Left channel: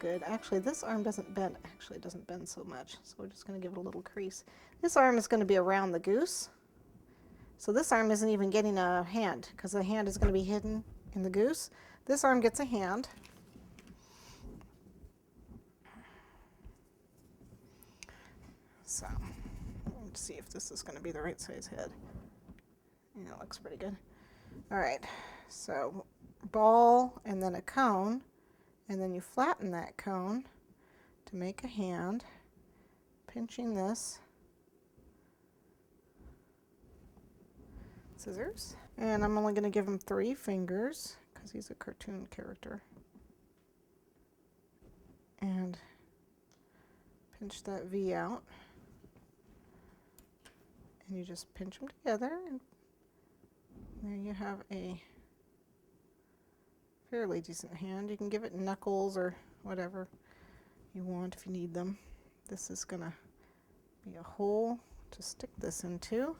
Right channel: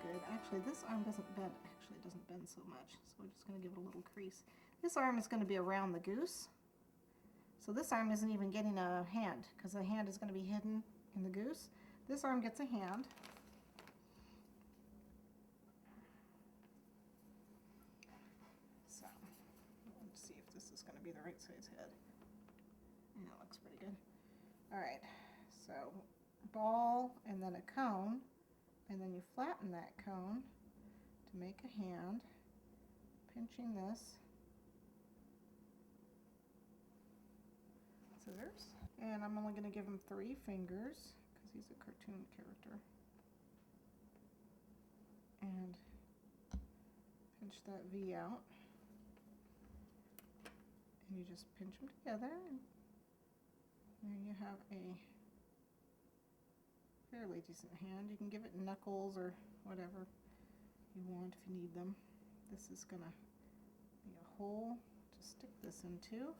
good. Actually, this arm doesn't bend. Actually, it doesn't bend so much, so we're just going to give it a little crease. This arm is going to be around the goose. So this arm isn't even getting a hand because the hand is going to be hidden in the goose. This arm gets a hand. So let's see if this is going to be the right size head. Yeah, it looks pretty good. All right, so ball and then a cone, and then you flatten that cone to make a hand, pinching this. Scissors. And I'm only going to give him 3 fingers because he's a cartoon character. And pinch that V out. And you just pinch them together, and there you have a fairly decent hand. You can give it knuckles or whatever you want if you need them. This is going to be a hole to stick this into.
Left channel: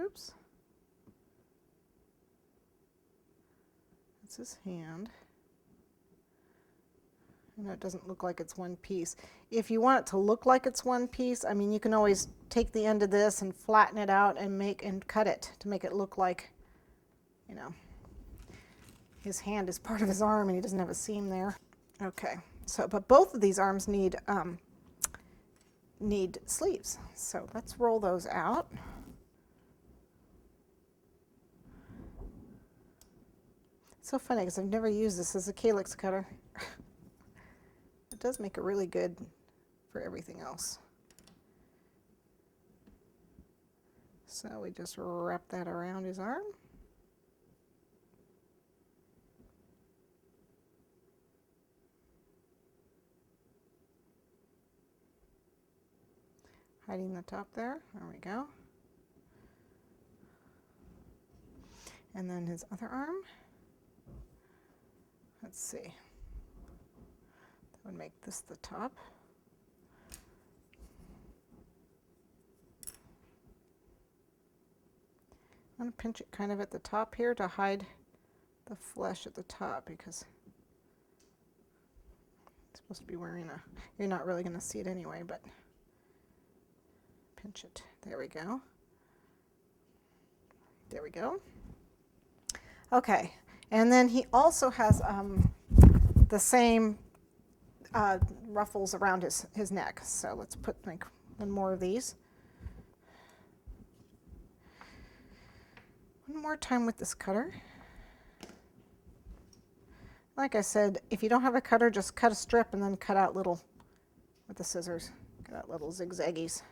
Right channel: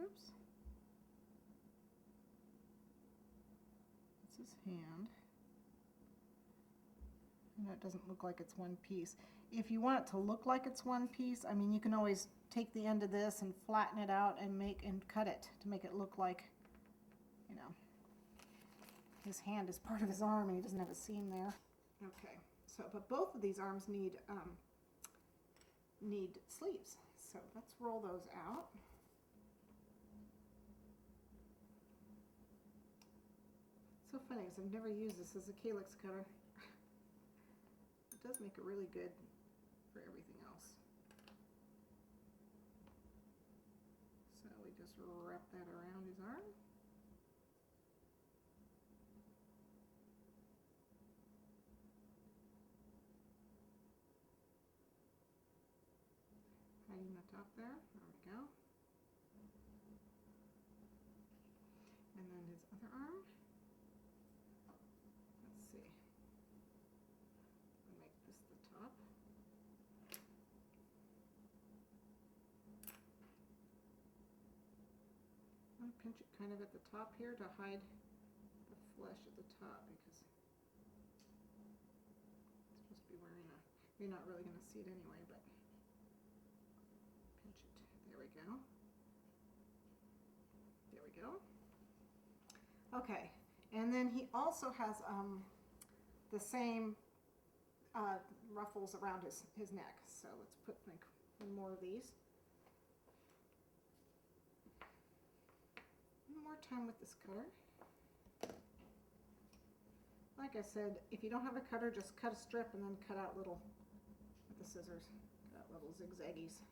Oops. That's his hand. And it doesn't look like it's one piece. If you want it to look like it's one piece, I mean, you can always take the end of this and flatten it out and cut it to make it look like, you know, his hand is part of his arm and he doesn't have a seam there. Okay, so but both of these arms need sleeves. So let's roll those out. It's so funny because I've never used this as a calyx cutter. It does make it really good for everything else. So we just wrap that around his arm. Hiding the top there. There we go. And then his other arm. Let's see. That would make this the top. I'm going to pinch it kind of at the top here to hide the flesh at the top because it's supposed to be wearing a, you're not really going to see it anyway, but pinch it. There we go. There we go. Okay, and then he also has the same ruffles around his neck. So let's put like one more of these. One more time with this cutter. Like I said, if you don't have a cutter, just cut a strip and then cut out little, with the scissors, cut out little zigzaggies.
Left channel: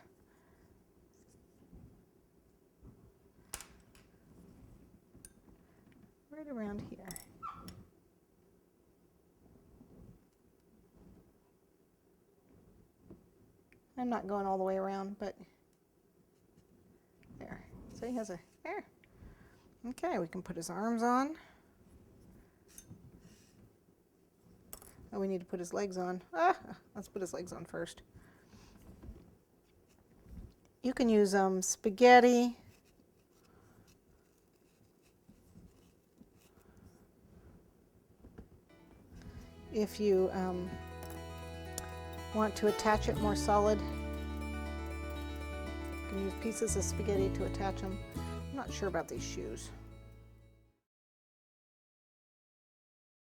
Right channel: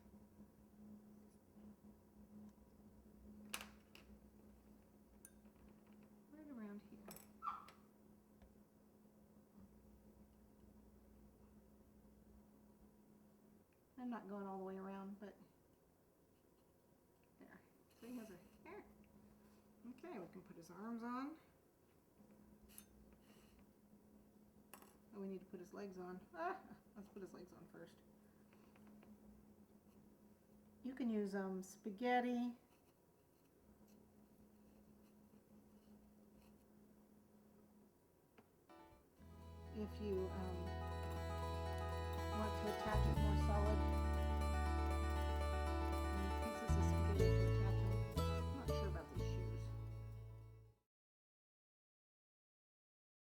Right around here. I'm not going all the way around, but there. So he has a, there. Okay, we can put his arms on. Oh, we need to put his legs on. Let's put his legs on first. You can use spaghetti. If you want to attach it more solid, you can use pieces of spaghetti to attach them. I'm not sure about these shoes.